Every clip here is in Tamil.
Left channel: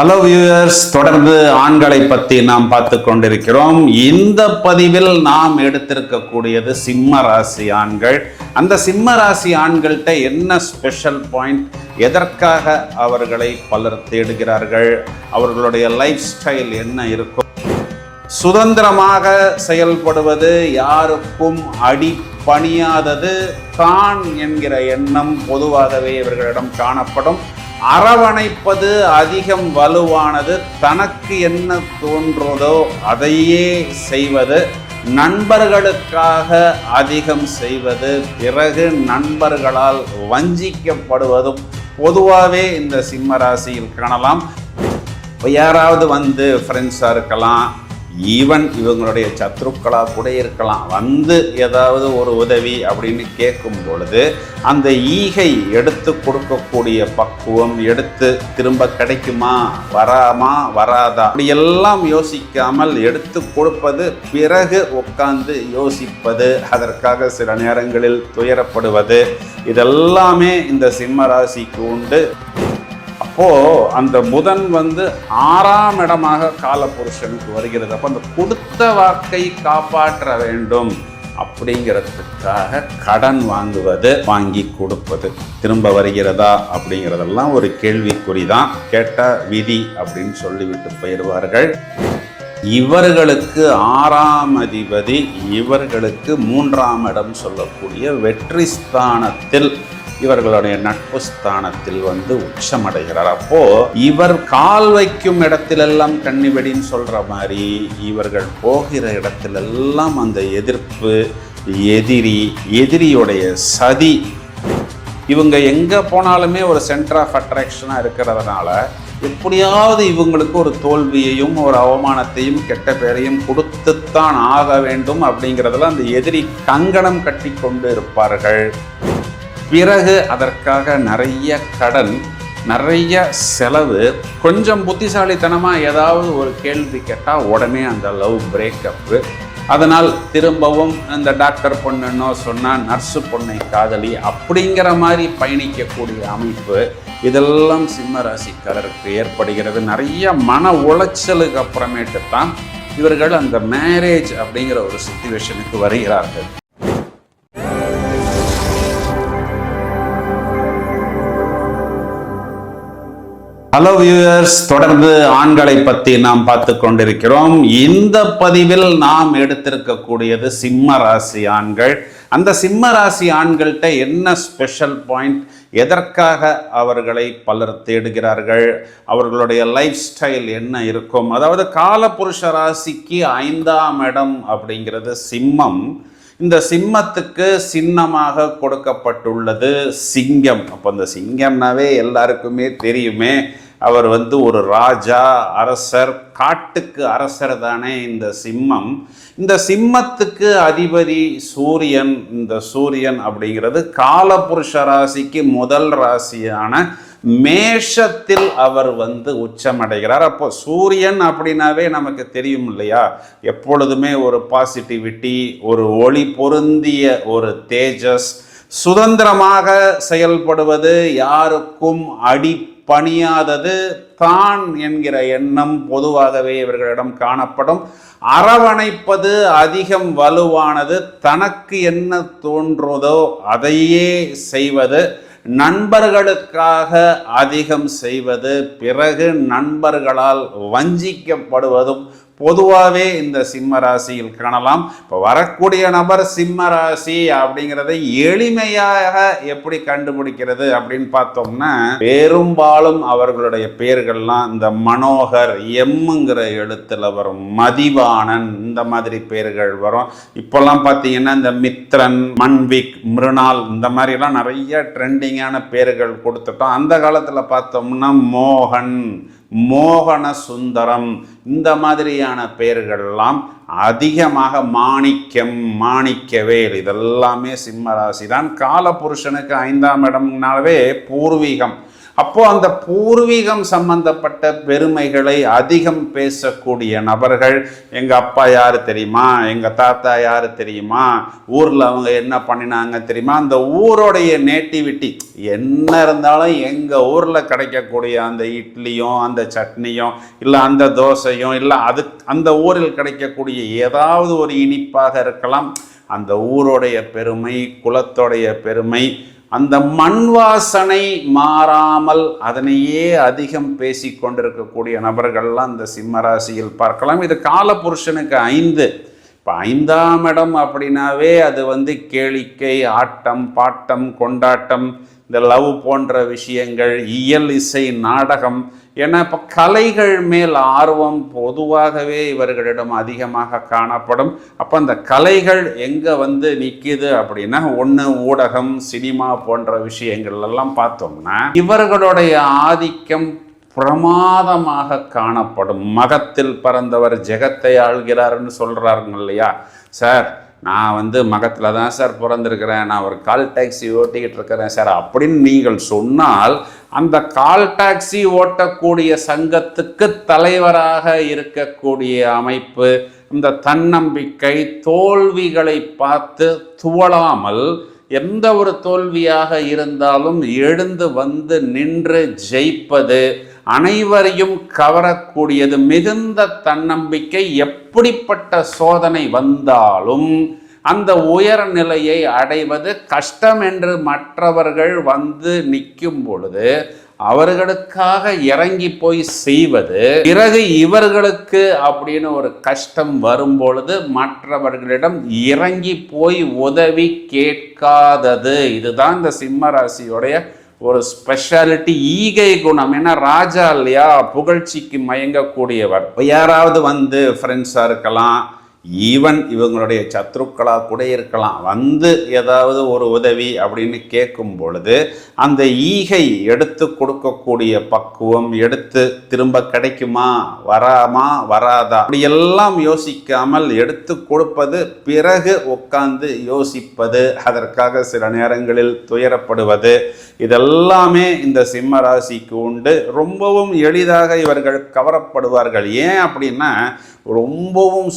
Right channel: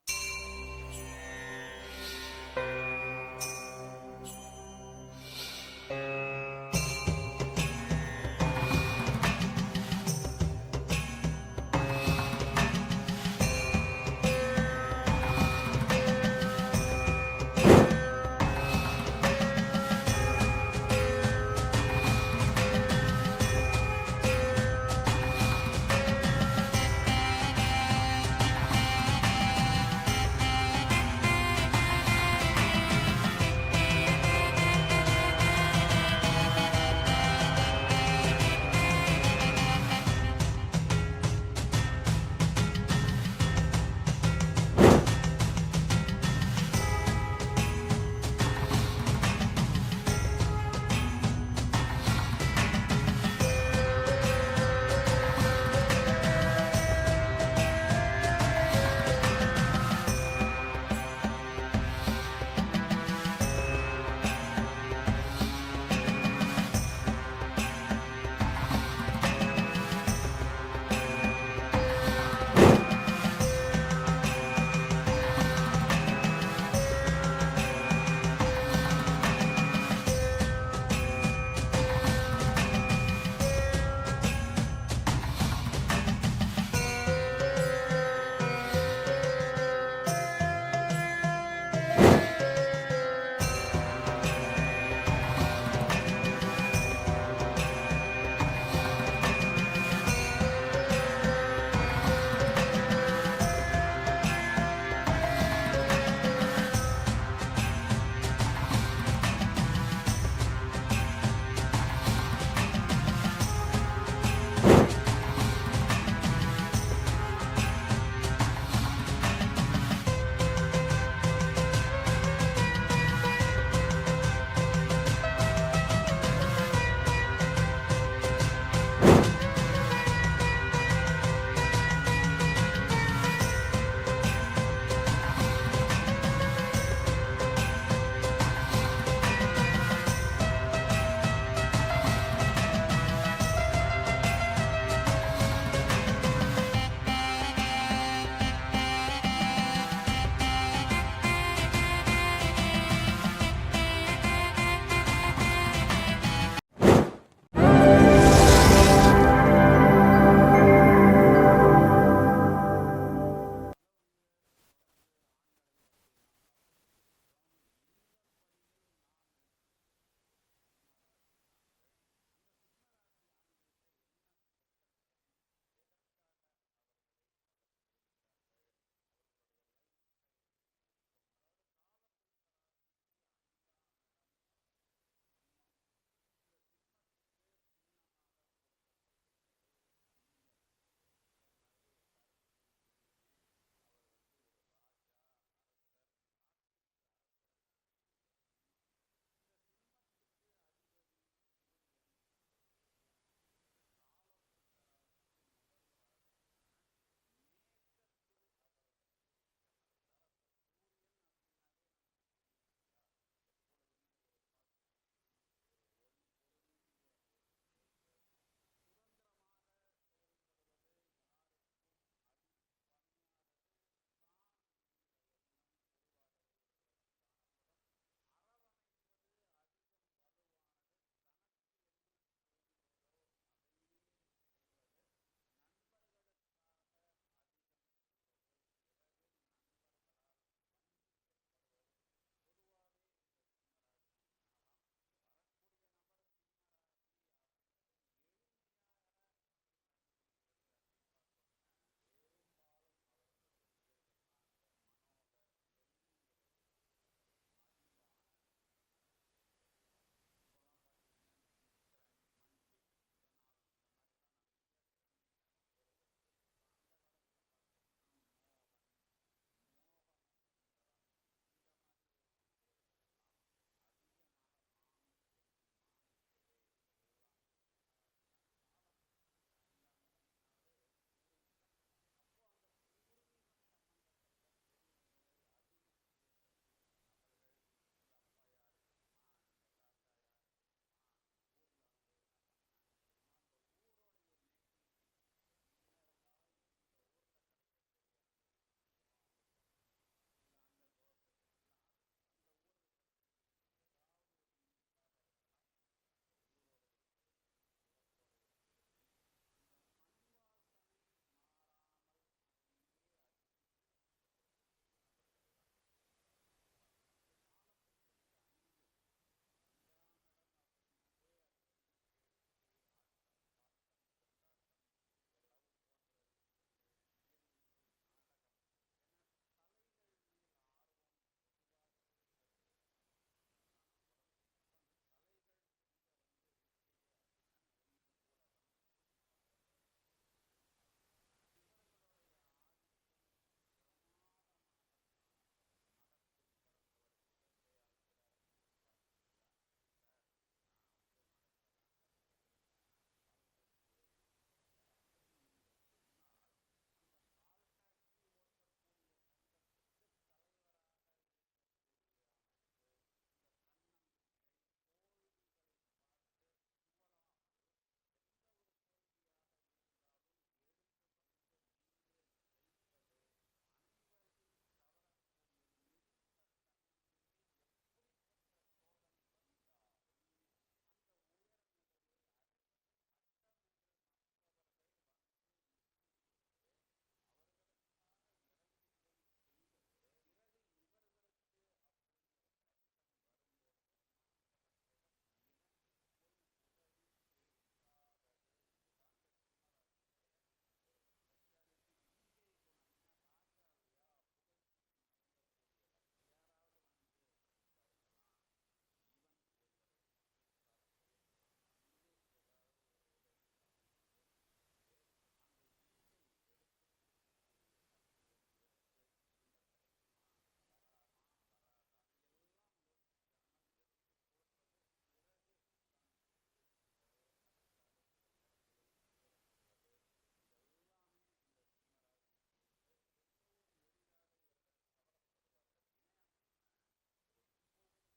ஹலோ வியூவர்ஸ் தொடர்ந்து ஆண்களை பற்றி நாம் பார்த்து கொண்டிருக்கிறோம். இந்த பதிவில் நாம் எடுத்திருக்கக்கூடியது சிம்ம ராசி ஆண்கள். அந்த சிம்ம ராசி ஆண்கள்கிட்ட என்ன ஸ்பெஷல் பாயிண்ட் எதற்காக அவர்களை பலர் தேடுகிறார்கள்? அவர்களுடைய லைஃப் ஸ்டைல் என்ன இருக்கும்? சுதந்திரமாக செயல்படுவது யாருக்கும் அடி பணியாதது தான் என்கிற எண்ணம் பொதுவாகவே இவர்களிடம் காணப்படும். அரவணைப்பது அதிகம் வலுவானது தனக்கு என்ன தோன்றதோ அதையே செய்வது நண்பர்களுக்காக அதிகம் செய்வது பிறகு நண்பர்களால் வஞ்சிக்கப்படுவதும் பொதுவாகவே இந்த சிம்ம ராசியில் காணலாம். யாராவது வந்து ஃப்ரெண்ட்ஸாக இருக்கலாம் ஈவன் இவங்களுடைய சத்ருக்களாக கூட இருக்கலாம். வந்து ஏதாவது ஒரு உதவி அப்படின்னு கேட்கும் பொழுது அந்த ஈகை எடுத்து கொடுக்கக்கூடிய பக்குவம் எடுத்து திரும்ப கிடைக்குமா? வராமா? வராதா? அப்படி எல்லாம் யோசிக்காமல் எடுத்து கொடுப்பது பிறகு உட்கார்ந்து யோசிப்பது அதற்காக சில நேரங்களில் துயரப்படுவது இதெல்லாமே இந்த சிம்ம ராசிக்கு உண்டு. அப்போ அந்த புதன் வந்து ஆறாம் இடமாக காலபுருஷனுக்கு வருகிறது. அப்போ அந்த கொடுத்த வாக்கை காப்பாற்ற வேண்டும் அப்படிங்கிறதுக்காக கடன் வாங்குவது வாங்கி கொடுப்பது. திரும்ப வருகிறதா அப்படிங்கிறதெல்லாம் ஒரு கேள்விக்குறி தான் கேட்ட விதி அப்படின்னு சொல்லிவிட்டு போயிடுவார்கள். இவர்களுக்கு ஆறாம் அதிபதி இவர்களுக்கு மூன்றாம் இடம் சொல்லக்கூடிய வெற்றி ஸ்தானத்தில் இவர்களுடைய நட்பு ஸ்தானத்தில் வந்து உச்சமடைகிறார். அப்போ இவர் கால் வைக்கும் இடத்திலெல்லாம் கண்ணிவெடின்னு சொல்ற மாதிரி இவர்கள் போகிற இடத்திலெல்லாம் அந்த எதிர்ப்பு எதிரி எதிரியுடைய சதி இவங்க எங்கே போனாலுமே ஒரு சென்டர் ஆஃப் அட்ராக்ஷனாக இருக்கிறதுனால எப்படியாவது இவங்களுக்கு ஒரு தோல்வியையும் ஒரு அவமானத்தையும் கெட்ட பேரையும் கொடுத்துத்தான் ஆக வேண்டும் அப்படிங்கிறதுல அந்த எதிரி கங்கணம் கட்டி கொண்டு இருப்பார்கள். பிறகு அதற்காக நிறைய கடன் நிறைய செலவு கொஞ்சம் புத்திசாலித்தனமாக ஏதாவது ஒரு கேள்வி கேட்டால் உடனே அந்த லவ் பிரேக்கப்பு அதனால் திரும்பவும் இந்த டாக்டர் பொண்ணுன்னோ சொன்னால் நர்ஸு பொண்ணை காதலி அப்படிங்கிற மாதிரி பயணிக்கக்கூடிய அமைப்பு இதெல்லாம் சிம்ம ராசிக்காரருக்கு ஏற்படுகிறது. நிறைய மன உளைச்சலுக்கு அப்புறமேட்டு தான் இவர்கள் அந்த மேரேஜ் அப்படிங்கிற ஒரு சுச்சுவேஷனுக்கு வருகிறார்கள். ஹலோ வியூவர்ஸ் தொடர்ந்து ஆண்களை பற்றி நாம் பார்த்து கொண்டிருக்கிறோம். இந்த பதிவில் நாம் எடுத்திருக்கக்கூடியது சிம்ம ராசி ஆண்கள். அந்த சிம்ம ராசி ஆண்கள்கிட்ட என்ன ஸ்பெஷல் பாயிண்ட் எதற்காக அவர்களை பலர் தேடுகிறார்கள்? அவர்களுடைய லைஃப் ஸ்டைல் என்ன இருக்கும்? அதாவது காலபுருஷ ராசிக்கு ஐந்தாம் இடம் அப்படிங்கிறது சிம்மம். இந்த சிம்மத்துக்கு சின்னமாக கொடுக்கப்பட்டுள்ளது சிங்கம். அப்போ இந்த சிங்கம்னாவே எல்லாருக்குமே தெரியுமே. அவர் வந்து ஒரு ராஜா அரசர் காட்டுக்கு அரசர் தானே இந்த சிம்மம். இந்த சிம்மத்துக்கு அதிபதி சூரியன். இந்த சூரியன் அப்படிங்கிறது காலபுருஷ ராசிக்கு முதல் ராசியான மேஷத்தில் அவர் வந்து உச்சமடைகிறார். அப்போ சூரியன் அப்படின்னாவே நமக்கு தெரியும் இல்லையா எப்பொழுதுமே ஒரு பாசிட்டிவிட்டி ஒரு ஒளி பொருந்திய ஒரு தேஜஸ் சுதந்திரமாக செயல்படுவது யாருக்கும் அடி பணியாதது தான் என்கிற எண்ணம் பொதுவாகவே இவர்களிடம் காணப்படும். அரவணைப்பது அதிகம் வலுவானது தனக்கு என்ன தோன்றதோ அதையே செய்வது. நண்பர்களுக்காக அதிகம் செய்வது பிறகு நண்பர்களால் வஞ்சிக்கப்படுவதும் பொதுவாகவே இந்த சிம்ம ராசியில் காணலாம். இப்போ வரக்கூடிய நபர் சிம்ம ராசி அப்படிங்கிறத எளிமையாக எப்படி கண்டுபிடிக்கிறது அப்படின்னு பார்த்தோம்னா பெரும்பாலும் அவர்களுடைய பெயர்கள்லாம் இந்த மனோகர் எம்முங்கிற எழுத்துல வரும். மதிவாணன் இந்த மாதிரி பெயர்கள் வரும். இப்போல்லாம் பார்த்தீங்கன்னா இந்த மித்ரன் மன்விக் மிருணால் இந்த மாதிரிலாம் நிறைய ட்ரெண்டிங்கான பேர்கள் கொடுத்துட்டோம். அந்த காலத்தில் பார்த்தோம்னா மோகன் மோகன சுந்தரம் இந்த மாதிரியான பெயர்கள்லாம் அதிகமாக மாணிக்கம் மாணிக்கவேல் இதெல்லாமே சிம்மராசி தான் காலபுருஷனுக்கு ஐந்தாம் இடம்னாலவே பூர்வீகம். அப்போ அந்த பூர்வீகம் சம்பந்தப்பட்ட பெருமைகளை அதிகம் பேசக்கூடிய நபர்கள் எங்க அப்பா யாரு தெரியுமா? எங்க தாத்தா யாரு தெரியுமா? ஊர்ல அவங்க என்ன பண்ணினாங்க தெரியுமா? அந்த ஊரோடைய நேட்டிவிட்டி. என்ன இருந்தாலும் எங்க ஊர்ல கிடைக்கக்கூடிய அந்த இட்லியும் அந்த சட்னியும் இல்லை அந்த தோசையும் இல்லை அது அந்த ஊரில் கிடைக்கக்கூடிய ஏதாவது ஒரு இனிப்பாக இருக்கலாம். அந்த ஊருடைய பெருமை குலத்தோடைய பெருமை அந்த மண் வாசனை மாறாமல் அதனையே அதிகம் பேசி கொண்டிருக்கக்கூடிய நபர்கள்லாம் இந்த சிம்மராசியில் பார்க்கலாம். இது காலபுருஷனுக்கு ஐந்து. இப்போ ஐந்தாம் இடம் அப்படின்னாவே அது வந்து கேளிக்கை ஆட்டம் பாட்டம் கொண்டாட்டம் இந்த லவ் போன்ற விஷயங்கள் இயல் இசை நாடகம். ஏன்னா இப்போ கலைகள் மேல் ஆர்வம் பொதுவாகவே இவர்களிடம் அதிகமாக காணப்படும். அப்போ அந்த கலைகள் எங்கே வந்து நிற்கிது அப்படின்னா ஒன்று ஊடகம் சினிமா போன்ற விஷயங்கள் எல்லாம் பார்த்தோம்னா இவர்களுடைய ஆதிக்கம் பிரமாதமாக காணப்படும். மகத்தில் பிறந்தவர் ஜெகத்தை ஆள்கிறார்னு சொல்கிறாருங்க இல்லையா? சார் நான் வந்து மகத்தில் தான் சார் பிறந்திருக்கிறேன். நான் ஒரு கால் டாக்ஸி ஓட்டிக்கிட்டு இருக்கிறேன் சார். அப்படின்னு நீங்கள் சொன்னால் அந்த கால் டாக்ஸி ஓட்டக்கூடிய சங்கத்துக்கு தலைவராக இருக்கக்கூடிய அமைப்பு இந்த தன்னம்பிக்கை தோல்விகளை பார்த்து துவளாமல் எந்த ஒரு தோல்வியாக இருந்தாலும் எழுந்து வந்து நின்று ஜெயிப்பது அனைவரையும் கவரக்கூடியது மிகுந்த தன்னம்பிக்கை எப்படிப்பட்ட சோதனை வந்தாலும் அந்த உயர் நிலையை அடைவது கஷ்டம் என்று மற்றவர்கள் வந்து நிற்கும் பொழுது அவர்களுக்காக இறங்கி போய் செய்வது பிறகு இவர்களுக்கு அப்படின்னு ஒரு கஷ்டம் வரும் பொழுது மற்றவர்களிடம் இறங்கி போய் உதவி கேட்காதது. இதுதான் இந்த சிம்ம ராசியுடைய ஒரு ஸ்பெஷாலிட்டி ஈகை குணம். ஏன்னா ராஜா இல்லையா? புகழ்ச்சிக்கு மயங்கக்கூடியவர். இப்போ யாராவது வந்து ஃப்ரெண்ட்ஸாக இருக்கலாம். ஈவன் இவங்களுடைய சத்ருக்களாக கூட இருக்கலாம். வந்து ஏதாவது ஒரு உதவி அப்படின்னு கேட்கும் பொழுது அந்த ஈகை எடுத்து கொடுக்கக்கூடிய பக்குவம் எடுத்து திரும்ப கிடைக்குமா? வராமா? வராதா? அப்படியெல்லாம் யோசிக்காமல் எடுத்து கொடுப்பது பிறகு உட்கார்ந்து யோசிப்பது அதற்காக சில நேரங்களில் துயரப்படுவது இதெல்லாமே இந்த சிம்ம ராசிக்கு உண்டு. ரொம்பவும் எளிதாக இவர்கள் கவரப்படுவார்கள். ஏன் அப்படின்னா ரொம்பவும்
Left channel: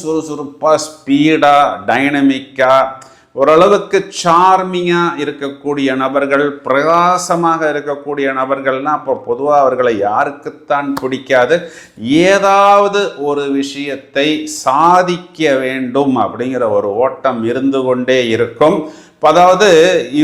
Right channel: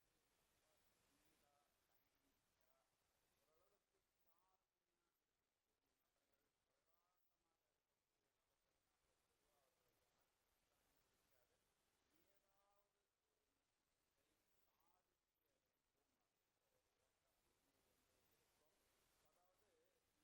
சூப்பர் ஸ்பீடாக டைனமிக்காக ஓரளவுக்கு சார்மிங்காக இருக்கக்கூடிய நபர்கள் பிரகாசமாக இருக்கக்கூடிய நபர்கள்னால் அப்போ பொதுவாக அவர்களை யாருக்குத்தான் பிடிக்காது. ஏதாவது ஒரு விஷயத்தை சாதிக்க வேண்டும் அப்படிங்கிற ஒரு ஓட்டம் இருந்து கொண்டே இருக்கும். அதாவது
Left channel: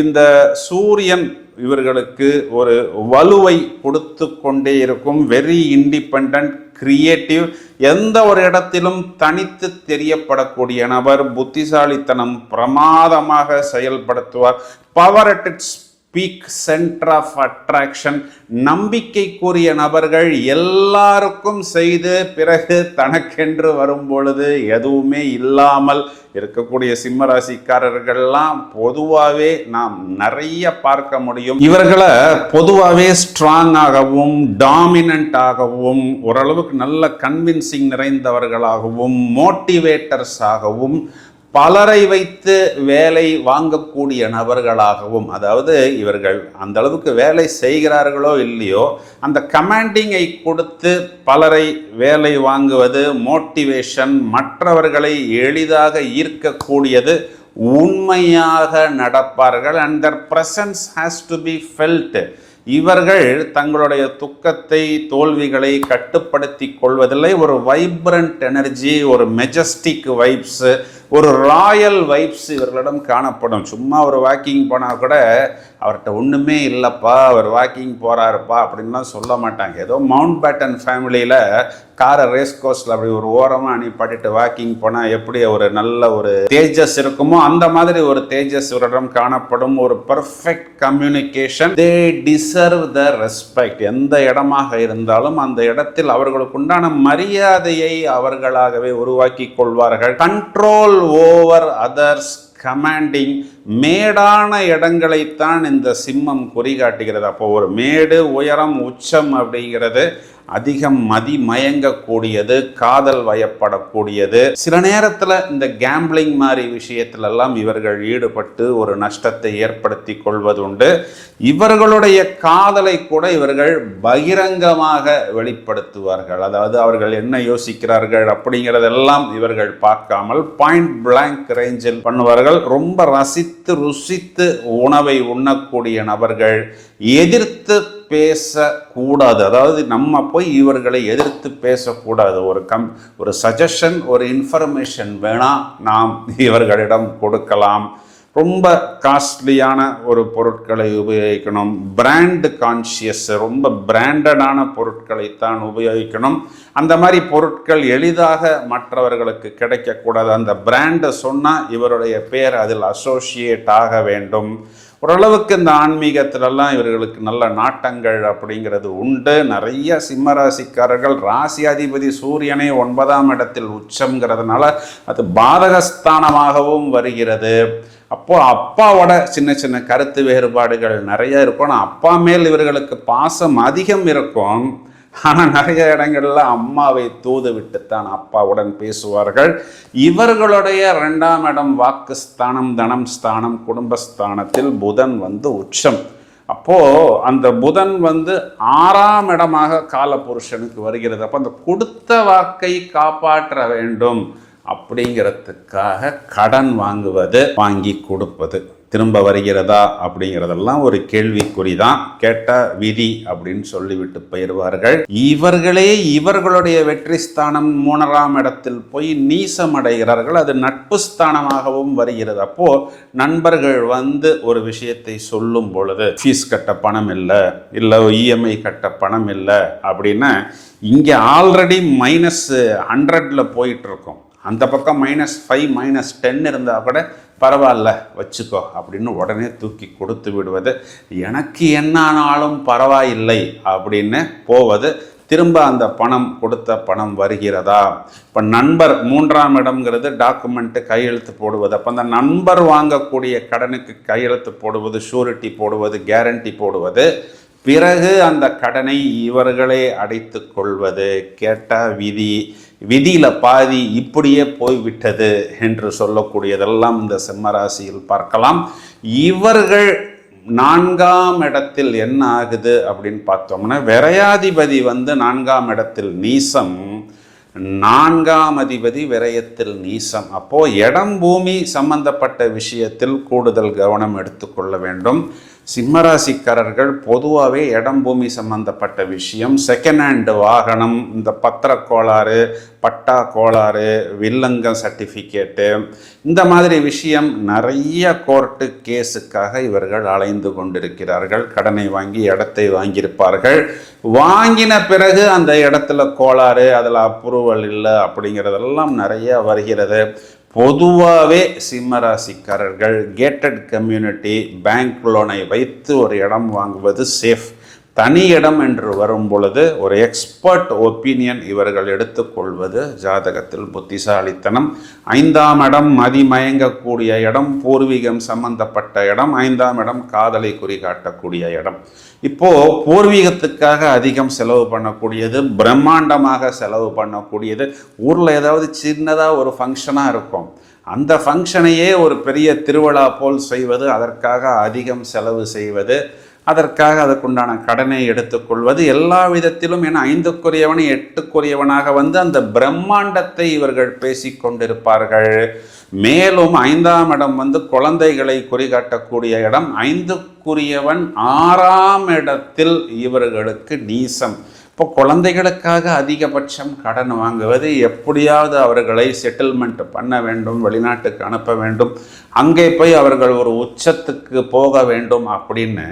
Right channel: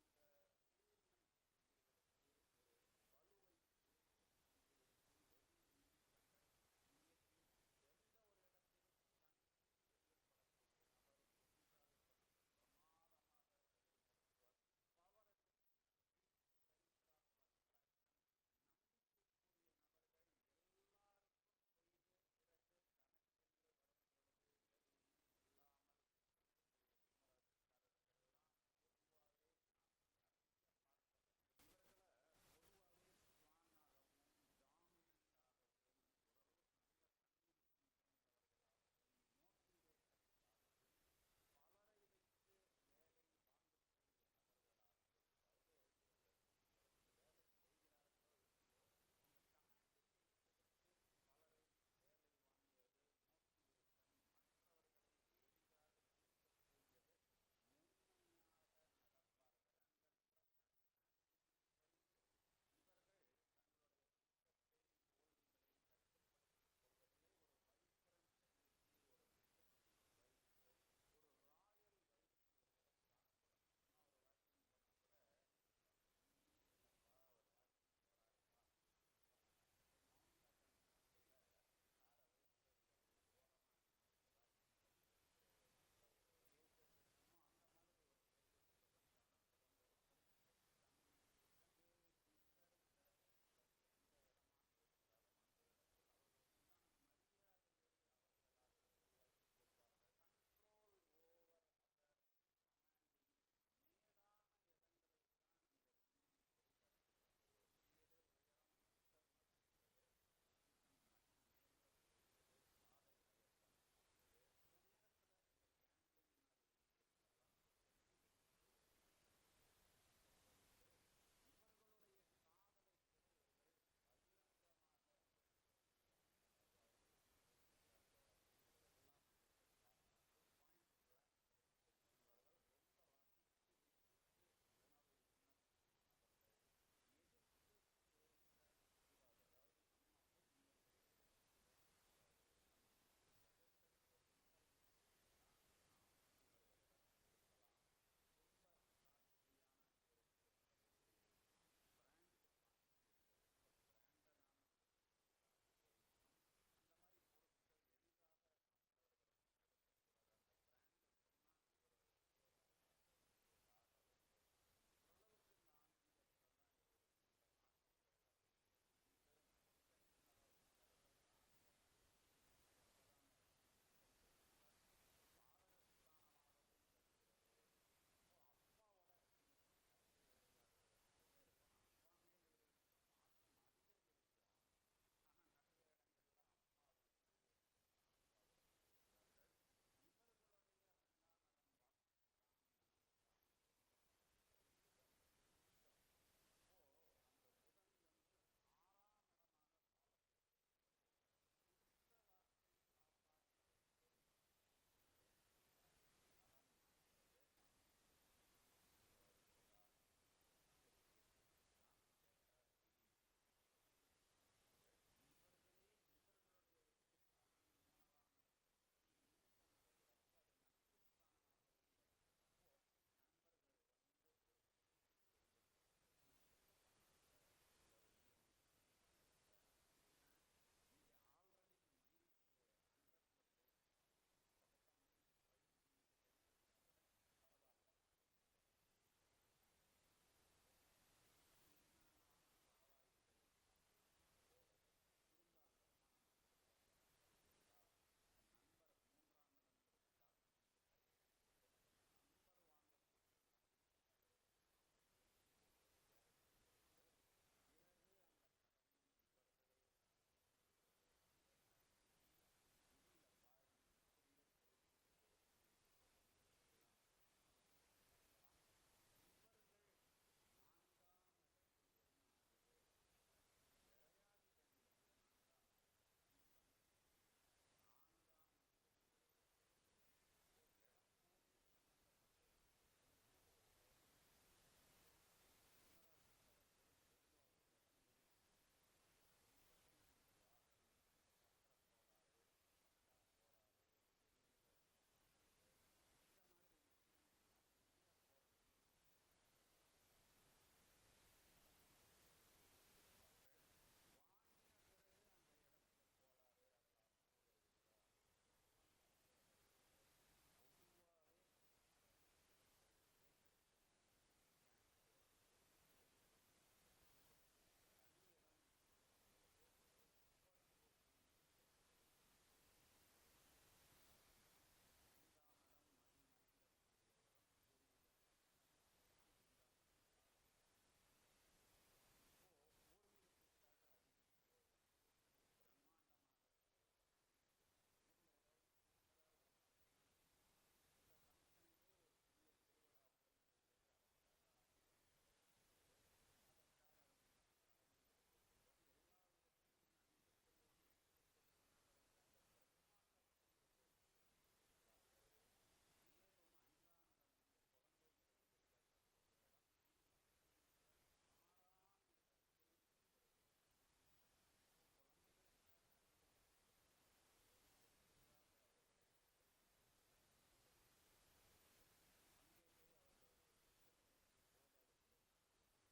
இந்த சூரியன் இவர்களுக்கு ஒரு வலுவை கொடுத்து கொண்டே இருக்கும் வெரி இண்டிபெண்ட் கிரியேட்டிவ் எந்த ஒரு இடத்திலும் தனித்து தெரியப்படக்கூடிய நபர் புத்திசாலித்தனம் பிரமாதமாக செயல்படுத்துவார். Power at its peak centre of attraction நம்பிக்கைக்குரிய நபர்கள் எல்லாருக்கும் செய்து பிறகு தனக்கென்று வரும் பொழுது எதுவுமே இல்லாமல் இருக்கக்கூடிய சிம்ம ராசிக்காரர்கள்லாம் பொதுவாகவே நாம் நிறைய பார்க்க முடியும். இவர்களை பொதுவாகவே ஸ்ட்ராங்காகவும் டாமினண்டாகவும் ஓரளவுக்கு நல்ல கன்வின்சிங் நிறைந்தவர்களாகவும் மோட்டிவேட்டர்ஸாகவும் பலரை வைத்து வேலை வாங்கக்கூடிய நபர்களாகவும் அதாவது இவர்கள் அந்த அளவுக்கு வேலை செய்கிறார்களோ இல்லையோ அந்த கமாண்டிங்கை கொடுத்து பலரை வேலை வாங்குவது மோட்டிவேஷன் மற்றவர்களை எளிதாக ஈர்க்கக்கூடியது உண்மையாக நடப்பார்கள். And their presence has to be felt இவர்கள் தங்களுடைய துக்கத்தை தோல்விகளை கட்டுப்படுத்தி கொள்வதில்லை. ஒரு வைப்ரண்ட் எனர்ஜி ஒரு மெஜஸ்டிக் வைப்ஸு ஒரு ராயல் வைப்ஸ் இவர்களிடம் காணப்படும். சும்மா ஒரு வாக்கிங் போனால் கூட அவர்கிட்ட ஒன்றுமே இல்லைப்பா அவர் வாக்கிங் போகிறாருப்பா அப்படின்லாம் சொல்ல மாட்டாங்க. ஏதோ மவுண்ட் பேட்டன் ஃபேமிலியில் காரை ரேஸ் கோர்ஸில் அப்படி ஒரு ஓரமாக அனுப்பிட்டு வாக்கிங் போனால் எப்படி ஒரு நல்ல ஒரு தேஜஸ் இருக்குமோ அந்த மாதிரி ஒரு தேஜஸ் இவரிடம் காணப்படும். ஒரு perfect communication they deserve the respect எந்த இடமாக இருந்தாலும் அந்த இடத்தில் அவர்களுக்கு உண்டான மரியாதையை அவர்களாகவே உருவாக்கி கொள்வார்கள். கண்ட்ரோல் ஓவர் அதர்ஸ் கமாண்டிங் மேடான இடங்களைத்தான் இந்த சிம்மம் குறிகாட்டுகிறது. அப்போ ஒரு மேடு உயரம் உச்சம் அப்படிங்கிறது அதிகம் மதிமயங்கக்கூடியது காதல் வயப்படக்கூடியது. சில நேரத்தில் இந்த கேம்பிளிங் மாதிரி விஷயத்திலெல்லாம் இவர்கள் ஈடுபட்டு ஒரு நஷ்டத்தை ஏற்படுத்தி கொள்வதுண்டு. இவர்களுடைய காதலை கூட இவர்கள் பகிரங்கமாக வெளிப்படுத்துவார்கள். அதாவது அவர்கள் என்ன யோசிக்கிறார்கள் அப்படிங்கிறதெல்லாம் இவர்கள் பார்க்காமல் பாயிண்ட் பிளாங்க் ரேஞ்சில் பண்ணுவார்கள். ரொம்ப ரசித்து ருசித்து உணவை உண்ணக்கூடிய நபர்கள் எதிர்த்து பேசக்கூடாது. அதாவது நம்ம போய் இவர்களை எதிர்த்து பேசக்கூடாது. ஒரு கம் ஒரு சஜஷன் ஒரு இன்ஃபர்மேஷன் வேணால் நாம் இவர்களிடம் கொடுக்கலாம். ரொம்ப காஸ்ட்லியான ஒரு பொருட்களை உபயோகிக்கணும். பிராண்டு கான்ஷியஸ் ரொம்ப பிராண்டடான பொருட்களைத்தான் உபயோகிக்கணும். அந்த மாதிரி பொருட்கள் எளிதாக மற்றவர்களுக்கு கிடைக்கக்கூடாது. அந்த பிராண்டை சொன்னால் இவருடைய பேர் அதில் அசோசியேட் ஆக வேண்டும். ஓரளவுக்கு இந்த ஆன்மீகத்திலெல்லாம் இவர்களுக்கு நல்ல நாட்டங்கள் அப்படிங்கிறது உண்டு. நிறைய சிம்மராசிக்காரர்கள் ராசி அதிபதி சூரியனை ஒன்பதாம் இடத்தில் உச்சம்ங்கிறதுனால அது பாதகஸ்தானமாகவும் வருகிறது. அப்போ அப்பாவோட சின்ன சின்ன கருத்து வேறுபாடுகள் நிறைய இருக்கும். ஆனால் அப்பா மேல் இவர்களுக்கு பாசம் அதிகம் இருக்கும். ஆனால் நிறைய இடங்களில் அம்மாவை தூது விட்டுத்தான் அப்பாவுடன் பேசுவார்கள். இவர்களுடைய ரெண்டாம் இடம் வாக்கு ஸ்தானம் தனம் ஸ்தானம் குடும்பஸ்தானத்தில் புதன் வந்து உச்சம். அப்போ அந்த புதன் வந்து ஆறாம் இடமாக காலபுருஷனுக்கு வருகிறது. அப்போ அந்த கொடுத்த வாக்கை காப்பாற்ற வேண்டும் அப்படிங்கிறதுக்காக கடன் வாங்குவது வாங்கி கொடுப்பது. திரும்ப வருகிறதா அப்படிங்கிறதெல்லாம் ஒரு கேள்விக்குறி தான் கேட்ட விதி அப்படின்னு சொல்லிவிட்டு போயிடுவார்கள். இவர்களே இவர்களுடைய வெற்றி ஸ்தானம் மூணராம் இடத்தில் போய் நீசமடைகிறார்கள். அது நட்பு ஸ்தானமாகவும் வருகிறது. அப்போ நண்பர்கள் வந்து ஒரு விஷயத்தை சொல்லும் பொழுது ஃபீஸ் கட்ட பணம் இல்லை இல்லை இஎம்ஐ கட்ட பணம் இல்லை அப்படின்னா இங்கே ஆல்ரெடி மைனஸ் ஹண்ட்ரட்ல போயிட்டு இருக்கோம் அந்த பக்கம் மைனஸ் ஃபைவ் மைனஸ் டென் இருந்தால் கூட பரவாயில்ல வச்சுக்கோ அப்படின்னு உடனே தூக்கி கொடுத்து விடுவது. எனக்கு என்ன ஆனாலும் பரவாயில்லை அப்படின்னு போவது. திரும்ப அந்த பணம் கொடுத்த பணம் வருகிறதா? இப்போ நண்பர் மூன்றாம் இடம்ங்கிறது டாக்குமெண்ட்டு கையெழுத்து போடுவது. அப்போ அந்த நண்பர் வாங்கக்கூடிய கடனுக்கு கையெழுத்து போடுவது ஷூரிட்டி போடுவது கேரண்டி போடுவது. பிறகு அந்த கடனை இவர்களே அடைத்து கொள்வது. கேட்ட விதி விதியில் பாதி இப்படியே போய்விட்டது என்று சொல்லக்கூடியதெல்லாம் இந்த சிம்மராசியில் பார்க்கலாம். இவர்கள் நான்காம் இடத்தில் என்ன ஆகுது அப்படின்னு பார்த்தோம்னா விரையாதிபதி வந்து நான்காம் இடத்தில் நீசம் நான்காம் அதிபதி விரயத்தில் நீசம். அப்போது இடம் பூமி சம்பந்தப்பட்ட விஷயத்தில் கூடுதல் கவனம் எடுத்துக்கொள்ள வேண்டும். சிம்மராசிக்காரர்கள் பொதுவாகவே இடம் பூமி சம்பந்தப்பட்ட விஷயம். செகண்ட் ஹேண்டு வாகனம் இந்த பத்திர கோளாறு பட்டா கோளாறு வில்லங்கம் சர்டிஃபிகேட்டு இந்த மாதிரி விஷயம் நிறைய கோர்ட்டு கேஸுக்காக இவர்கள் அலைந்து கொண்டிருக்கிறார்கள். கடனை வாங்கி இடத்தை வாங்கியிருப்பார்கள். வாங்கின பிறகு அந்த இடத்துல கோளாறு அதில் அப்ரூவல் இல்லை அப்படிங்கிறதெல்லாம் நிறைய வருகிறது. பொதுவாகவே சிம்மராசிக்காரர்கள் கேட்டட் கம்யூனிட்டி பேங்க் லோனை வைத்து ஒரு இடம் வாங்குவது சேஃப் தனி இடம் என்று வரும் பொழுது ஒரு எக்ஸ்பர்ட் ஒப்பீனியன் இவர்கள் எடுத்துக்கொள்வது ஜாதகத்தில் புத்திசாலித்தனம். ஐந்தாம் இடம் மதிமயங்கக்கூடிய இடம் பூர்வீகம் சம்பந்தப்பட்ட இடம் ஐந்தாம் இடம் காதலை குறிகாட்டக்கூடிய இடம். இப்போது பூர்வீகத்துக்காக அதிகம் செலவு பண்ணக்கூடியது பிரம்மாண்டமாக செலவு பண்ணக்கூடியது ஊரில் ஏதாவது சின்னதாக ஒரு ஃபங்க்ஷனாக இருக்கும். அந்த ஃபங்க்ஷனையே ஒரு பெரிய திருவிழா போல் செய்வது அதற்காக அதிகம் செலவு செய்வது அதற்காக அதற்குண்டான கடனை எடுத்துக்கொள்வது எல்லா விதத்திலும் என ஐந்துக்குரியவன் எட்டுக்குரியவனாக வந்து அந்த பிரம்மாண்டத்தை இவர்கள் பேசிக்கொண்டிருப்பார்கள் மேலும் ஐந்தாம் இடம் வந்து குழந்தைகளை குறிகாட்டக்கூடிய இடம். ஐந்துக்குரியவன் ஆறாம் இடத்தில் இவர்களுக்கு நீசம். இப்போ குழந்தைகளுக்காக அதிகபட்சம் கடன் வாங்குவது எப்படியாவது அவர்களை செட்டில்மெண்ட் பண்ண வேண்டும் வெளிநாட்டுக்கு அனுப்ப வேண்டும் அங்கே போய் அவர்கள் ஒரு உச்சத்துக்கு போக வேண்டும் அப்படின்னு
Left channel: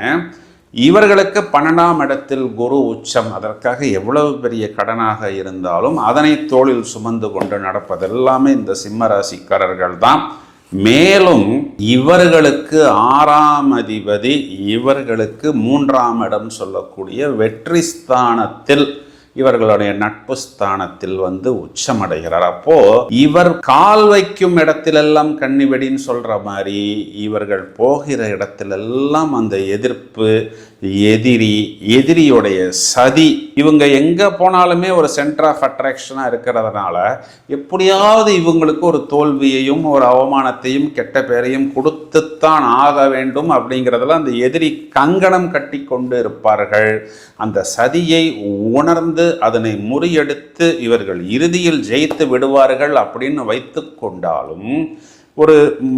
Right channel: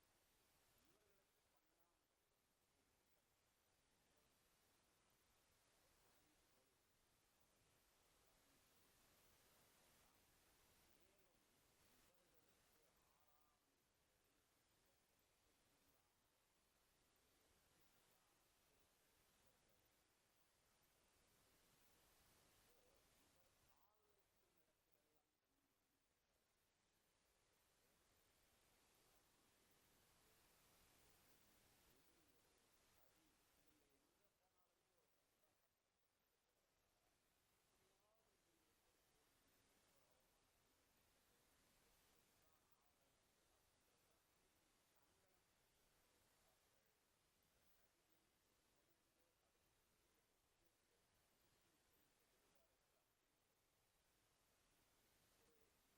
இவர்களுக்கு பன்னெண்டாம் இடத்தில் குரு உச்சம். அதற்காக எவ்வளவு பெரிய கடனாக இருந்தாலும் அதனை தோளில் சுமந்து கொண்டு நடப்பதெல்லாமே இந்த சிம்ம ராசிக்காரர்கள் தான் மேலும் இவர்களுக்கு ஆறாம் அதிபதி இவர்களுக்கு மூன்றாம் இடம் சொல்லக்கூடிய வெற்றி ஸ்தானத்தில் இவர்களுடைய நட்பு ஸ்தானத்தில் வந்து உச்சமடைகிறார். அப்போ இவர் கால் வைக்கும் இடத்திலெல்லாம் கண்ணிவெடின்னு சொல்ற மாதிரி இவர்கள் போகிற இடத்திலெல்லாம் அந்த எதிர்ப்பு எதிரி எதிரியுடைய சதி. இவங்க எங்கே போனாலுமே ஒரு சென்டர் ஆஃப் அட்ராக்ஷனாக இருக்கிறதுனால எப்படியாவது இவங்களுக்கு ஒரு தோல்வியையும் ஒரு அவமானத்தையும் கெட்ட பெயரையும் கொடுத்துத்தான் ஆக வேண்டும் அப்படிங்கிறதுல அந்த எதிரி கங்கணம் கட்டி கொண்டு இருப்பார்கள். அந்த சதியை உணர்ந்து அதனை முறியெடுத்து இவர்கள் இறுதியில் ஜெயித்து விடுவார்கள் அப்படின்னு வைத்து கொண்டாலும் ஒரு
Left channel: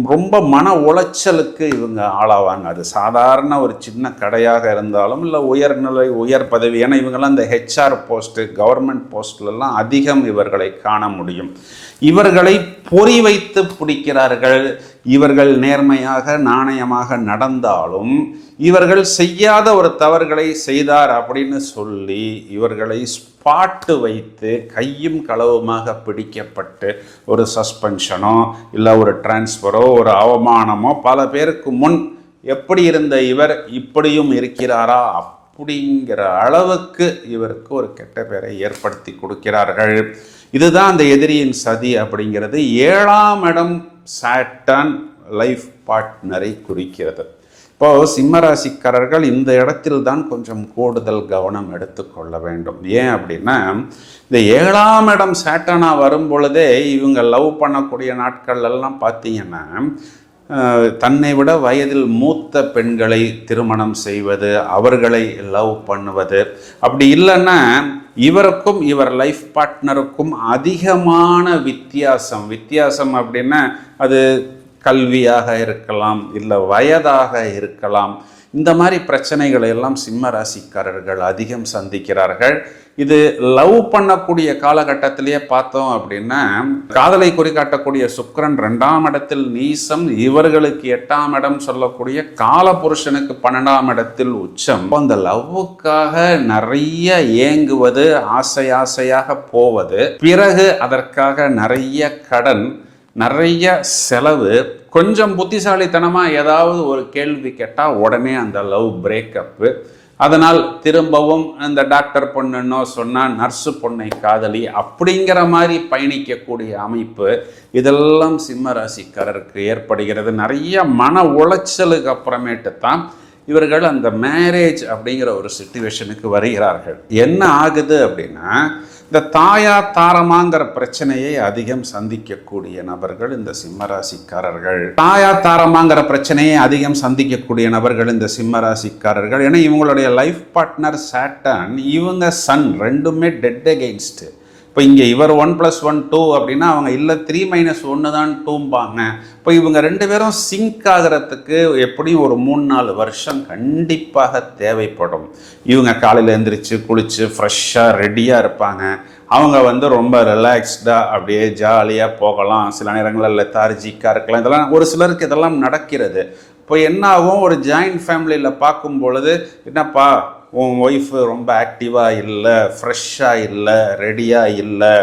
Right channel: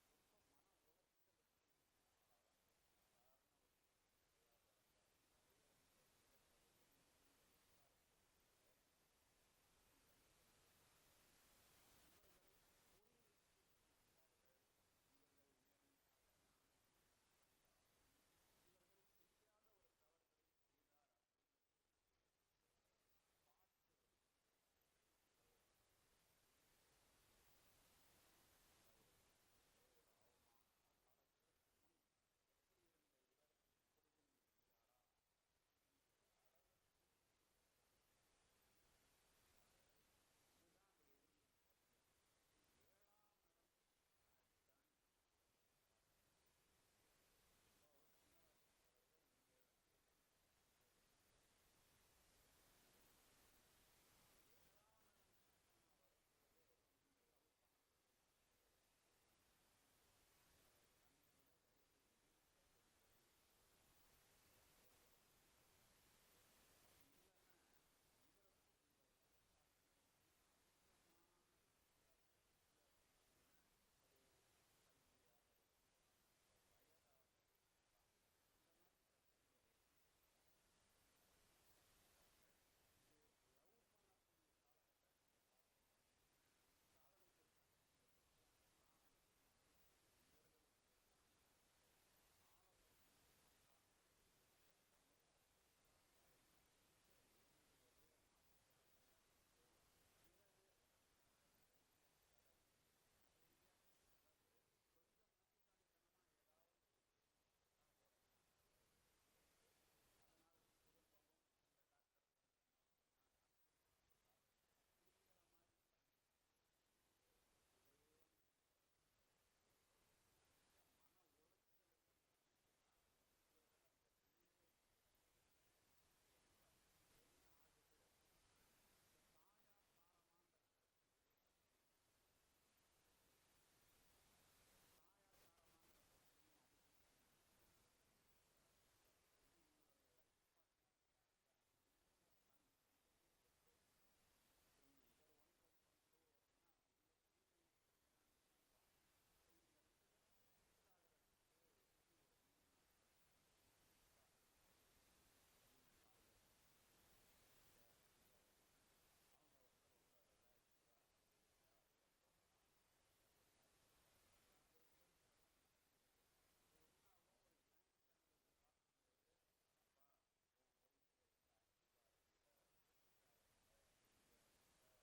ரொம்ப மன உளைச்சலுக்கு இவங்க ஆளாவாங்க. அது சாதாரண ஒரு சின்ன கடையாக இருந்தாலும் இல்லை உயர்நிலை உயர் பதவி ஏன்னா இவங்கெல்லாம் இந்த ஹெச்ஆர் போஸ்ட்டு கவர்மெண்ட் போஸ்ட்லலாம் அதிகம் இவர்களை காண முடியும். இவர்களை பொறி வைத்து பிடிக்கிறார்கள். இவர்கள் நேர்மையாக நாணயமாக நடந்தாலும் இவர்கள் செய்யாத ஒரு தவறுகளை செய்தார் அப்படின்னு சொல்லி இவர்களை ஸ்பாட்டு வைத்து கையும் களவுமாக பிடிக்கப்பட்டு ஒரு சஸ்பென்ஷனோ இல்லை ஒரு டிரான்ஸ்ஃபரோ ஒரு அவமானமோ பல பேருக்கு முன் எப்படி இருந்த இவர் இப்படியும் இருக்கிறாரா அப்படிங்கிற அளவுக்கு இவருக்கு ஒரு கெட்ட பேரை ஏற்படுத்தி கொடுக்கிறார்கள். இதுதான் அந்த எதிரியின் சதி அப்படிங்கிறது. ஏழாம் இடம் சாட்டன் லைஃப் பார்ட்னரை குறிக்கிறது. இப்போ சிம்மராசிக்காரர்கள் இந்த இடத்தில் தான் கொஞ்சம் கூடுதல் கவனம் எடுத்துக்கொள்ள வேண்டும். ஏன் அப்படின்னா இந்த ஏழாம் இடம் சேட்டனா வரும் பொழுதே இவங்க லவ் பண்ணக்கூடிய நாட்கள் எல்லாம் பார்த்தீங்கன்னா தன்னை விட வயதில் மூத்த பெண்களை திருமணம் செய்வது அவர்களை லவ் பண்ணுவது. அப்படி இல்லைன்னா இவருக்கும் இவர் லைஃப் பார்ட்னருக்கும் அதிகமான வித்தியாசம். வித்தியாசம் அப்படின்னா அது கல்வியாக இருக்கலாம் இல்லை வயதாக இருக்கலாம். இந்த மாதிரி பிரச்சனைகளை எல்லாம் சிம்ம ராசிக்காரர்கள் அதிகம் சந்திக்கிறார்கள். இது லவ் பண்ணக்கூடிய காலகட்டத்திலேயே பார்த்தோம் அப்படின்னா காதலை குறிகாட்டக்கூடிய சுக்கரன் ரெண்டாம் இடத்தில் நீசம் இவர்களுக்கு எட்டாம் இடம் சொல்லக்கூடிய கால புருஷனுக்கு பன்னெண்டாம் இடத்தில் உச்சம். அந்த லவ்வுக்காக நிறைய ஏங்குவது ஆசை ஆசையாக போவது பிறகு அதற்காக நிறைய கடன் நிறைய செலவு கொஞ்சம் புத்திசாலித்தனமாக ஏதாவது ஒரு கேள்வி கேட்டால் உடனே அந்த லவ் பிரேக்கப்பு அதனால் திரும்பவும் அந்த டாக்டர் பொண்ணுன்னோ சொன்னால் நர்ஸு பொண்ணை காதலி அப்படிங்கிற மாதிரி பயணிக்கக்கூடிய அமைப்பு இதெல்லாம் சிம்ம ராசிக்காரருக்கு ஏற்படுகிறது. நிறைய மன உளைச்சலுக்கு அப்புறமேட்டு தான் இவர்கள் அந்த மேரேஜ் அப்படிங்கிற ஒரு சுச்சுவேஷனுக்கு வருகிறார்கள். என்ன ஆகுது அப்படின்னா இந்த தாயா தாரமாங்கிற பிரச்சனையை அதிகம் சந்திக்கக்கூடிய நபர்கள் இந்த சிம்மராசிக்காரர்கள். தாயா தாரமாங்கிற பிரச்சனையை அதிகம் சந்திக்கக்கூடிய நபர்கள் இந்த சிம்மராசிக்காரர்கள். ஏன்னா இவங்களுடைய லைஃப் பார்ட்னர் சாட்டன் இவங்க சன் ரெண்டுமே டெட் அகெயின்ஸ்ட்டு இப்போ இங்கே இவர் ஒன் ப்ளஸ் ஒன் டூ அப்படின்னா அவங்க இல்லை த்ரீ மைனஸ் ஒன்று தான் டூம்பாங்க இப்போ இவங்க ரெண்டு பேரும் சிங்க் ஆகிறதுக்கு எப்படியும் ஒரு மூணு நாலு வருஷம் கண்டிப்பாக தேவைப்படும். இவங்க காலையில் எழுந்திரிச்சு குளித்து ஃப்ரெஷ்ஷாக ரெடியாக இருப்பாங்க. அவங்க வந்து ரொம்ப ரிலாக்ஸ்டாக அப்படியே ஜாலியாக போகலாம். சில நேரங்களில் லெத்தார்ஜிக்காக இருக்கலாம். இதெல்லாம் ஒரு சிலருக்கு இதெல்லாம் நடக்கிறது. இப்போ என்ன ஆகும் ஒரு ஜாயிண்ட் ஃபேமிலியில் பார்க்கும் பொழுது என்னப்பா உன் ஒய்ஃபு ரொம்ப ஆக்டிவாக இல்லை ஃப்ரெஷ்ஷாக இல்லை ரெடியாக இல்லை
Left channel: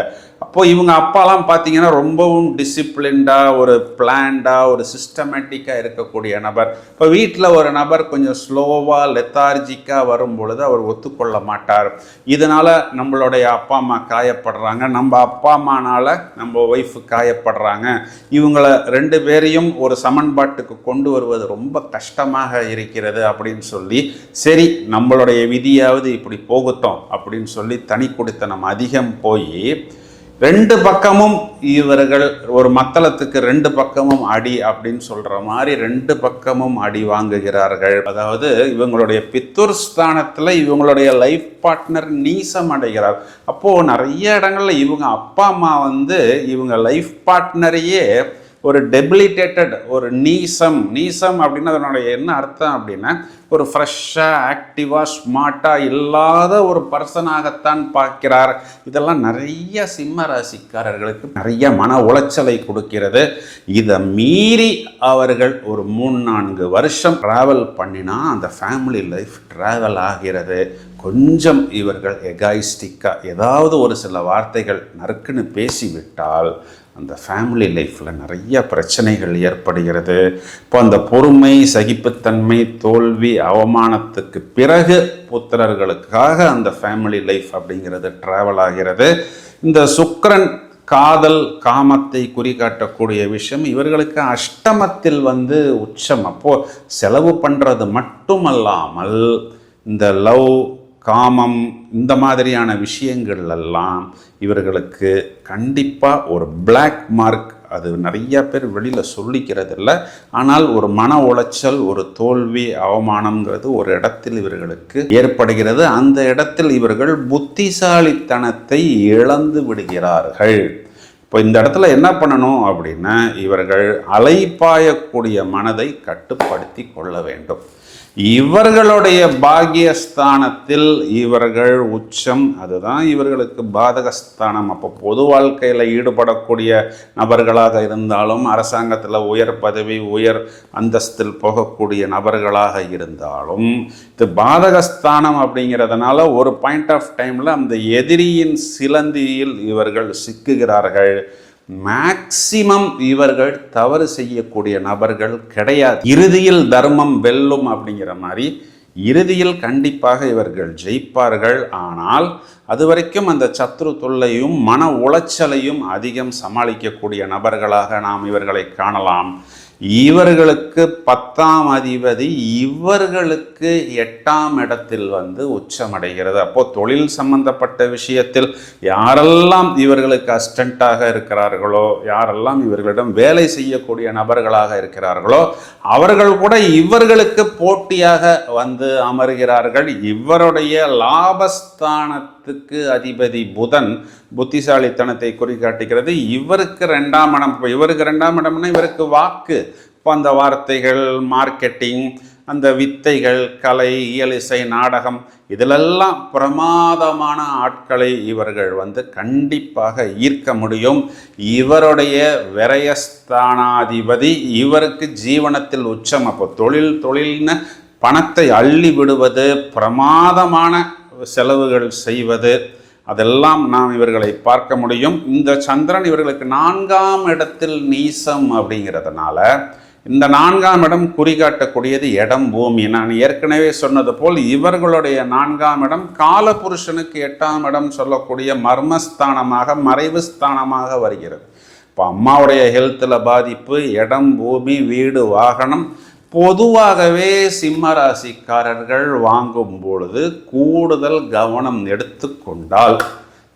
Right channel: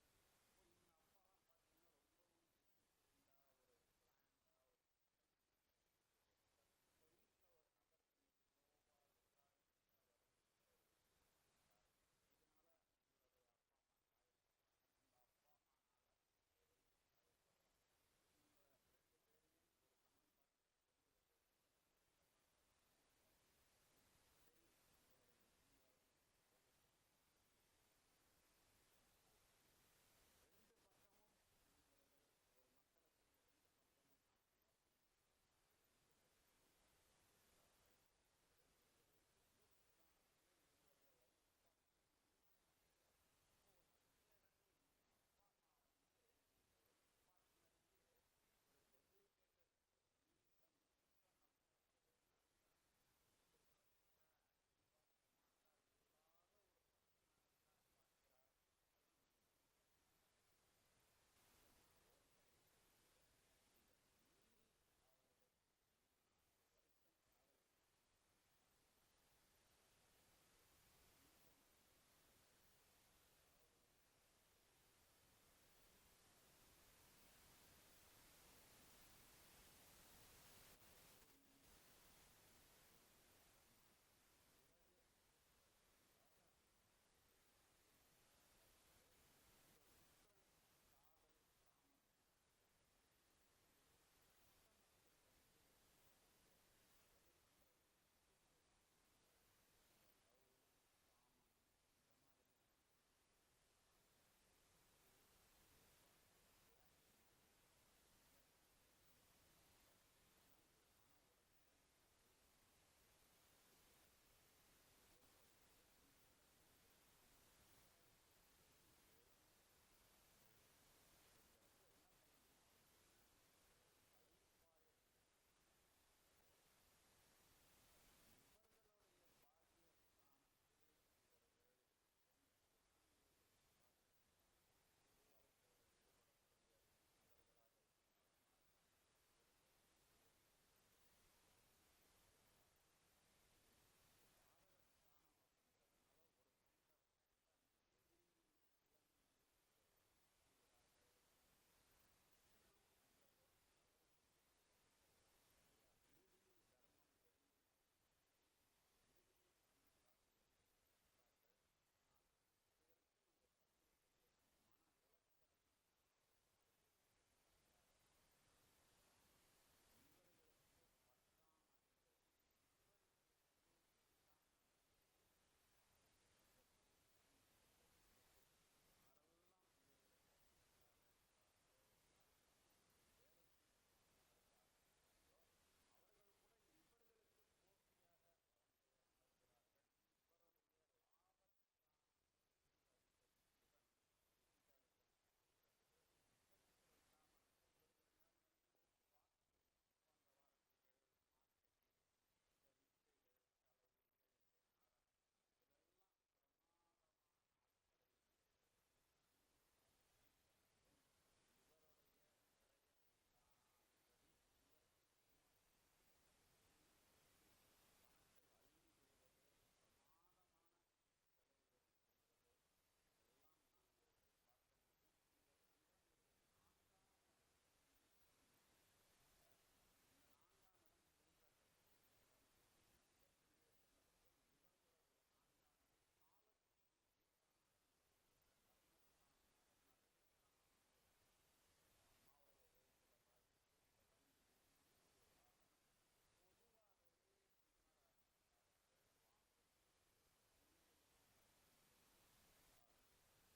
அப்போ இவங்க அப்பாலாம் பார்த்தீங்கன்னா ரொம்பவும் டிசிப்ளின்டாக ஒரு பிளான்டாக ஒரு சிஸ்டமேட்டிக்காக இருக்கக்கூடிய நபர். இப்போ வீட்டில் ஒரு நபர் கொஞ்சம் ஸ்லோவாக லெத்தார்ஜிக்காக வரும் பொழுது அவர் ஒத்துக்கொள்ள மாட்டார். இதனால் நம்மளுடைய அப்பா அம்மா காயப்படுறாங்க. நம்ம அப்பா அம்மானால் நம்ம ஒய்ஃபு காயப்படுறாங்க. இவங்கள ரெண்டு பேரையும் ஒரு சமன்பாட்டுக்கு கொண்டு வருவது ரொம்ப கஷ்டமாக இருக்கிறது அப்படின்னு சொல்லி சரி நம்மளுடைய விதியாவது இப்படி போகட்டும் அப்படின்னு சொல்லி தனி கொடுத்த நம்ம அதிகம் போய் ரெண்டு பக்கமும் இவர்கள் ஒரு மத்தளத்துக்கு ரெண்டு பக்கமும் அடி அப்படின்னு சொல்ற மாதிரி ரெண்டு பக்கமும் அடி வாங்குகிறார்கள். அதாவது இவங்களுடைய பித்தூர் ஸ்தானத்துல இவங்களுடைய லைஃப் பார்ட்னர் நீசம் அடைகிறார். அப்போ நிறைய இடங்கள்ல இவங்க அப்பா அம்மா வந்து இவங்க லைஃப் பார்ட்னரையே ஒரு டெபிலிட்டேட்டட் ஒரு நீசம். நீசம் அப்படின்னு அதனுடைய என்ன அர்த்தம் அப்படின்னா ஒரு ஃப்ரெஷ்ஷாக ஆக்டிவாக ஸ்மார்ட்டாக இல்லாத ஒரு பர்சனாகத்தான் பார்க்கிறார். இதெல்லாம் நிறைய சிம்ம ராசிக்காரர்களுக்கு நிறைய மன உளைச்சலை கொடுக்கிறது. இதை மீறி அவர்கள் ஒரு மூணு நான்கு வருஷம் ட்ராவல் பண்ணினா அந்த ஃபேமிலி லைஃப் ட்ராவல் ஆகிறது. கொஞ்சம் இவர்கள் எகாயிஸ்டிக்காக ஏதாவது ஒரு சில வார்த்தைகள் நறுக்குன்னு பேசிவிட்டால் அந்த ஃபேமிலி லைஃப்பில் நிறைய பிரச்சனைகள் ஏற்படுகிறது. இப்போ அந்த பொறுமை சகிப்புத்தன்மை தோல்வி அவமானத்துக்கு பிறகு புத்திரர்களுக்காக அந்த ஃபேமிலி லைஃப் அப்படிங்கிறது ட்ராவல் ஆகிறது. இந்த சுக்கரன் காதல் காமத்தை குறிகாட்டக்கூடிய விஷயம் இவர்களுக்கு அஷ்டமத்தில் வந்து உச்சம். அப்போது செலவு பண்ணுறது மட்டுமல்லாமல் இந்த லவ் காமம் இந்த மாதிரியான விஷயங்கள் எல்லாம் இவர்களுக்கு கண்டிப்பாக ஒரு பிளாக் மார்க் அது நிறைய பேர் வெளியில் சொல்லிக்கிறது இல்லை ஆனால் ஒரு மன உளைச்சல் ஒரு தோல்வி அவமானம்ங்கிறது ஒரு இடத்தில் இவர்களுக்கு ஏற்படுகிறது. அந்த இடத்தில் இவர்கள் புத்திசாலித்தனத்தை இழந்து விடுகிறார்கள். இப்போ இந்த இடத்துல என்ன பண்ணணும் அப்படின்னா இவர்கள் அலைப்பாயக்கூடிய மனதை கட்டுப்படுத்தி கொள்ள வேண்டும். இவர்களுடைய பாகியஸ்தானத்தில் இவர்கள் உச்சம் அதுதான் இவர்களுக்கு பாதகஸ்தானம். அப்போ பொது வாழ்க்கையில் ஈடுபடக்கூடிய நபர்களாக இருந்தாலும் அரசாங்கத்தில் உயர் பதவி உயர் அந்தஸ்தில் போகக்கூடிய நபர்களாக இருந்தாலும் இது பாதகஸ்தானம் அப்படிங்கிறதுனால ஒரு பாயிண்ட் ஆஃப் டைமில் அந்த எதிரியின் சிலந்தியில் இவர்கள் சிக்குகிறார்கள். மேக்சிமம் இவர்கள் தவறு செய்யக்கூடிய நபர்கள் கிடையாது. இறுதியில் தர்மம் வெல்லும் அப்படிங்கிற மாதிரி இறுதியில் கண்டிப்பாக இவர்கள் ஜெயிப்பார்கள். ஆனால் அது வரைக்கும் அந்த சத்ரு தொல்லையும் மன உளைச்சலையும் அதிகம் சமாளிக்கக்கூடிய நபர்களாக நாம் இவர்களை காணலாம். இவர்களுக்கு பத்தாம் அதிபதி இவர்களுக்கு எட்டாம் இடத்தில் வந்து உச்சமடைகிறது. அப்போ தொழில் சம்பந்தப்பட்ட விஷயத்தில் யாரெல்லாம் இவர்களுக்கு அஸ்டண்டாக இருக்கிறார்களோ யாரெல்லாம் இவர்களிடம் வேலை செய்யக்கூடிய நபர்களாக இருக்கிறார்களோ அவர்கள் கூட இவர்களுக்கு போட்டியாக வந்து அமர்கிறார்கள். இவருடைய லாபஸ்தானத்துக்கு அதிபதி புதன் புத்திசாலித்தனத்தை குறிகாட்டுகிறது இவருக்கு ரெண்டாம் இடம். இப்போ இவருக்கு ரெண்டாம் இடம்னா இவருக்கு வாக்கு. இப்போ அந்த வார்த்தைகள் மார்க்கெட்டிங் அந்த வித்தைகள் கலை இயல் இசை நாடகம் இதிலெல்லாம் பிரமாதமான ஆட்களை இவர்கள் வந்து கண்டிப்பாக ஈர்க்க முடியும். இவருடைய விரயஸ்தானாதிபதி இவருக்கு ஜீவனத்தில் உச்சம். அப்போ தொழில் தொழில்னு பணத்தை அள்ளி விடுவது பிரமாதமான செலவுகள் செய்வது அதெல்லாம் நாம் இவர்களை பார்க்க முடியும். இந்த சந்திரன் இவர்களுக்கு நான்காம் இடத்தில் நீசம் அப்படிங்கிறதுனால இந்த நான்காம் இடம் குறிகாட்டக்கூடியது இடம் பூமி. நான் ஏற்கனவே சொன்னது போல் இவர்களுடைய நான்காம் இடம் காலபுருஷனுக்கு எட்டாம் இடம் சொல்லக்கூடிய மர்மஸ்தானமாக மறைவு ஸ்தானமாக வருகிறது. இப்போ அம்மாவுடைய ஹெல்த்தில் பாதிப்பு இடம் பூமி வீடு வாகனம் பொதுவாகவே சிம்மராசிக்காரர்கள் வாங்கும் பொழுது கூடுதல் கவனம் எடுத்துக்கொண்டால்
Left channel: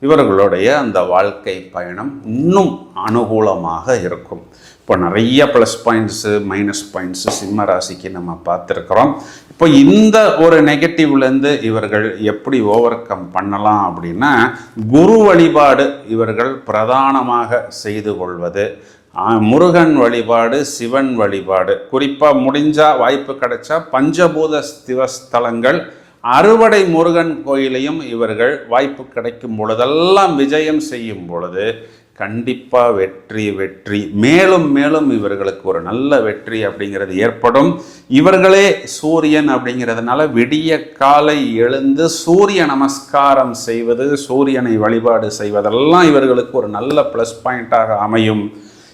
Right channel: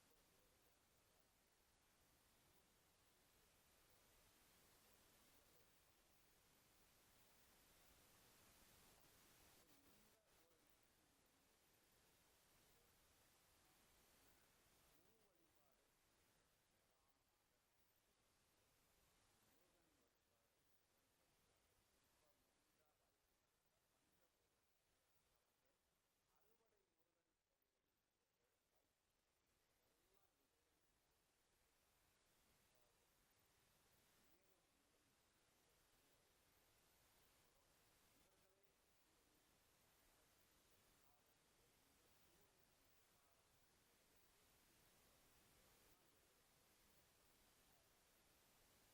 இவர்களுடைய அந்த வாழ்க்கை பயணம் இன்னும் அனுகூலமாக இருக்கும். இப்போ நிறைய ப்ளஸ் பாயிண்ட்ஸு மைனஸ் பாயிண்ட்ஸு சிம்ம ராசிக்கு நம்ம பார்த்துருக்குறோம். இப்போ இந்த ஒரு நெகட்டிவ்லேருந்து இவர்கள் எப்படி ஓவர் கம் பண்ணலாம் அப்படின்னா குரு வழிபாடு இவர்கள் பிரதானமாக செய்து கொள்வது முருகன் வழிபாடு சிவன் வழிபாடு. குறிப்பாக முடிஞ்சால் வாய்ப்பு கிடைச்சா பஞ்சபூத சிவஸ்தலங்கள் அறுவடை முருகன் கோயிலையும் இவர்கள் வாய்ப்பு கிடைக்கும் பொழுதெல்லாம் விஜயம் செய்யும் பொழுது கண்டிப்பாக வெற்றி வெற்றி. மேலும் மேலும் இவர்களுக்கு ஒரு நல்ல வெற்றி அப்படிங்கிறது ஏற்படும். இவர்களே சூரியன் அப்படிங்கிறதுனால விடிய காலை எழுந்து சூரிய நமஸ்காரம் செய்வது சூரியனை வழிபாடு செய்வதெல்லாம் இவர்களுக்கு ஒரு நல்ல ப்ளஸ் பாயிண்ட்டாக அமையும்.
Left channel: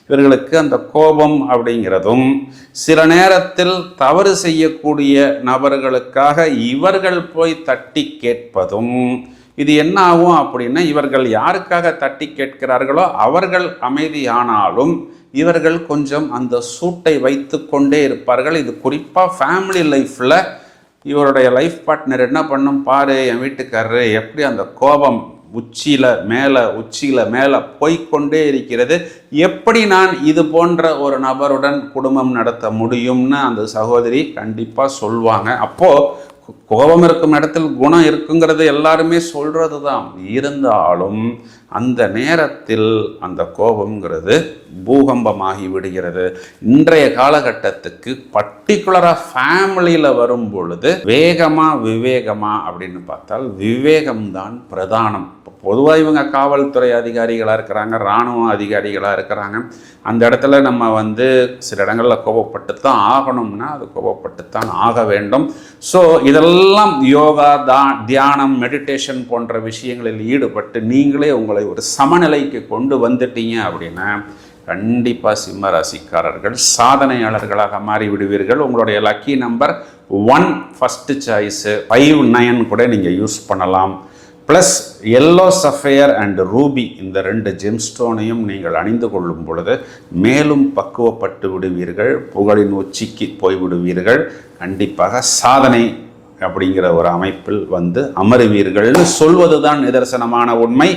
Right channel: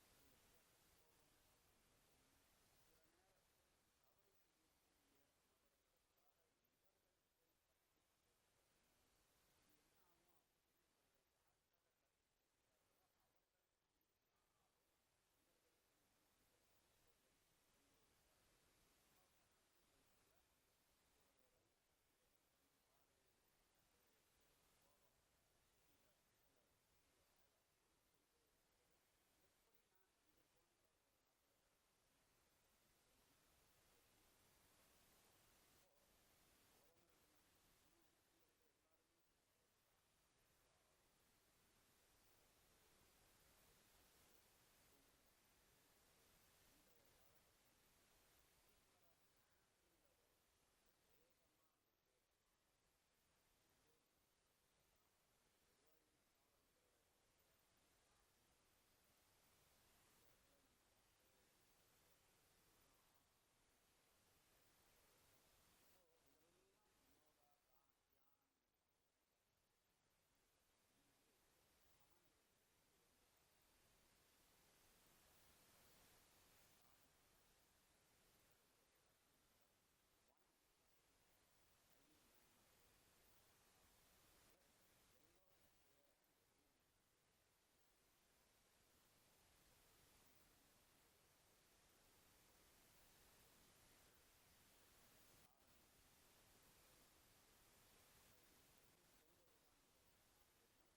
இவர்களுக்கு அந்த கோபம் அப்படிங்கிறதும் சில நேரத்தில் தவறு செய்யக்கூடிய நபர்களுக்காக இவர்கள் போய் தட்டி கேட்பதும் இது என்ன ஆகும் அப்படின்னா இவர்கள் யாருக்காக தட்டி கேட்கிறார்களோ அவர்கள் அமைதியானாலும் இவர்கள் கொஞ்சம் அந்த சூட்டை வைத்து கொண்டே இருப்பார்கள். இது குறிப்பாக ஃபேமிலி லைஃப்பில் இவருடைய லைஃப் பார்ட்னர் என்ன பண்ணும்? பாரு என் வீட்டுக்காரரு எப்படி அந்த கோபம் உச்சியில் மேலே உச்சியில் மேலே போய்க்கொண்டே இருக்கிறது. எப்படி நான் இது போன்ற ஒரு நபருடன் குடும்பம் நடத்த முடியும்னு அந்த சகோதரி கண்டிப்பாக சொல்லுவாங்க அப்போது கோபம் இருக்கும் இடத்தில் குணம் இருக்குங்கிறது எல்லாருமே சொல்கிறது தான் இருந்தாலும் அந்த நேரத்தில் அந்த கோபம்ங்கிறது பூகம்பமாகி விடுகிறது. இன்றைய காலகட்டத்துக்கு பர்டிகுலராக ஃபேமிலியில் வரும் பொழுது வேகமாக விவேகமாக அப்படின்னு பார்த்தால் விவேகம்தான் பிரதானம். பொதுவாக இவங்க காவல்துறை அதிகாரிகளாக இருக்கிறாங்க இராணுவ அதிகாரிகளாக இருக்கிறாங்க. அந்த இடத்துல நம்ம வந்து சில இடங்களில் கோபப்பட்டு தான் ஆகணும்னா அது கோபப்பட்டு தான் ஆக வேண்டும். ஸோ இதெல்லாம் யோகா தா தியானம் மெடிடேஷன் போன்ற விஷயங்களில் ஈடுபட்டு நீங்களே உங்களை ஒரு சமநிலைக்கு கொண்டு வந்துட்டீங்க அப்படின்னா கண்டிப்பாக சிம்ம ராசிக்காரர்கள் சாதனையாளர்களாக மாறி விடுவீர்கள் உங்களுடைய lucky number one first choice five nine கூட நீங்கள் யூஸ் பண்ணலாம். Plus yellow sapphire and ruby இந்த ரெண்டு ஜெம்ஸ்டோனையும் நீங்கள் அணிந்து கொள்ளும் பொழுது மேலும் பக்குவப்பட்டு விடுவீர்கள் புகழின் உச்சிக்கு போய் விடுவீர்கள். கண்டிப்பாக சாதனை அப்படிங்கிற ஒரு அமைப்பில் வந்து அமருவீர்கள்னு சொல்வது தான் நிதர்சனமான உண்மை.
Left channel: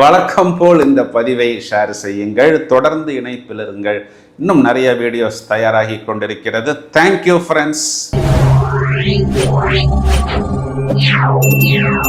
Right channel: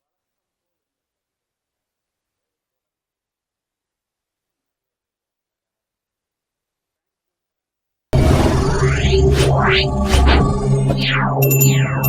வழக்கம் போல் இந்த பதிவை ஷேர் செய்யுங்கள் தொடர்ந்து இணைப்பில் இருங்கள். இன்னும் நிறைய வீடியோஸ் தயாராகி கொண்டிருக்கிறது. Thank you friends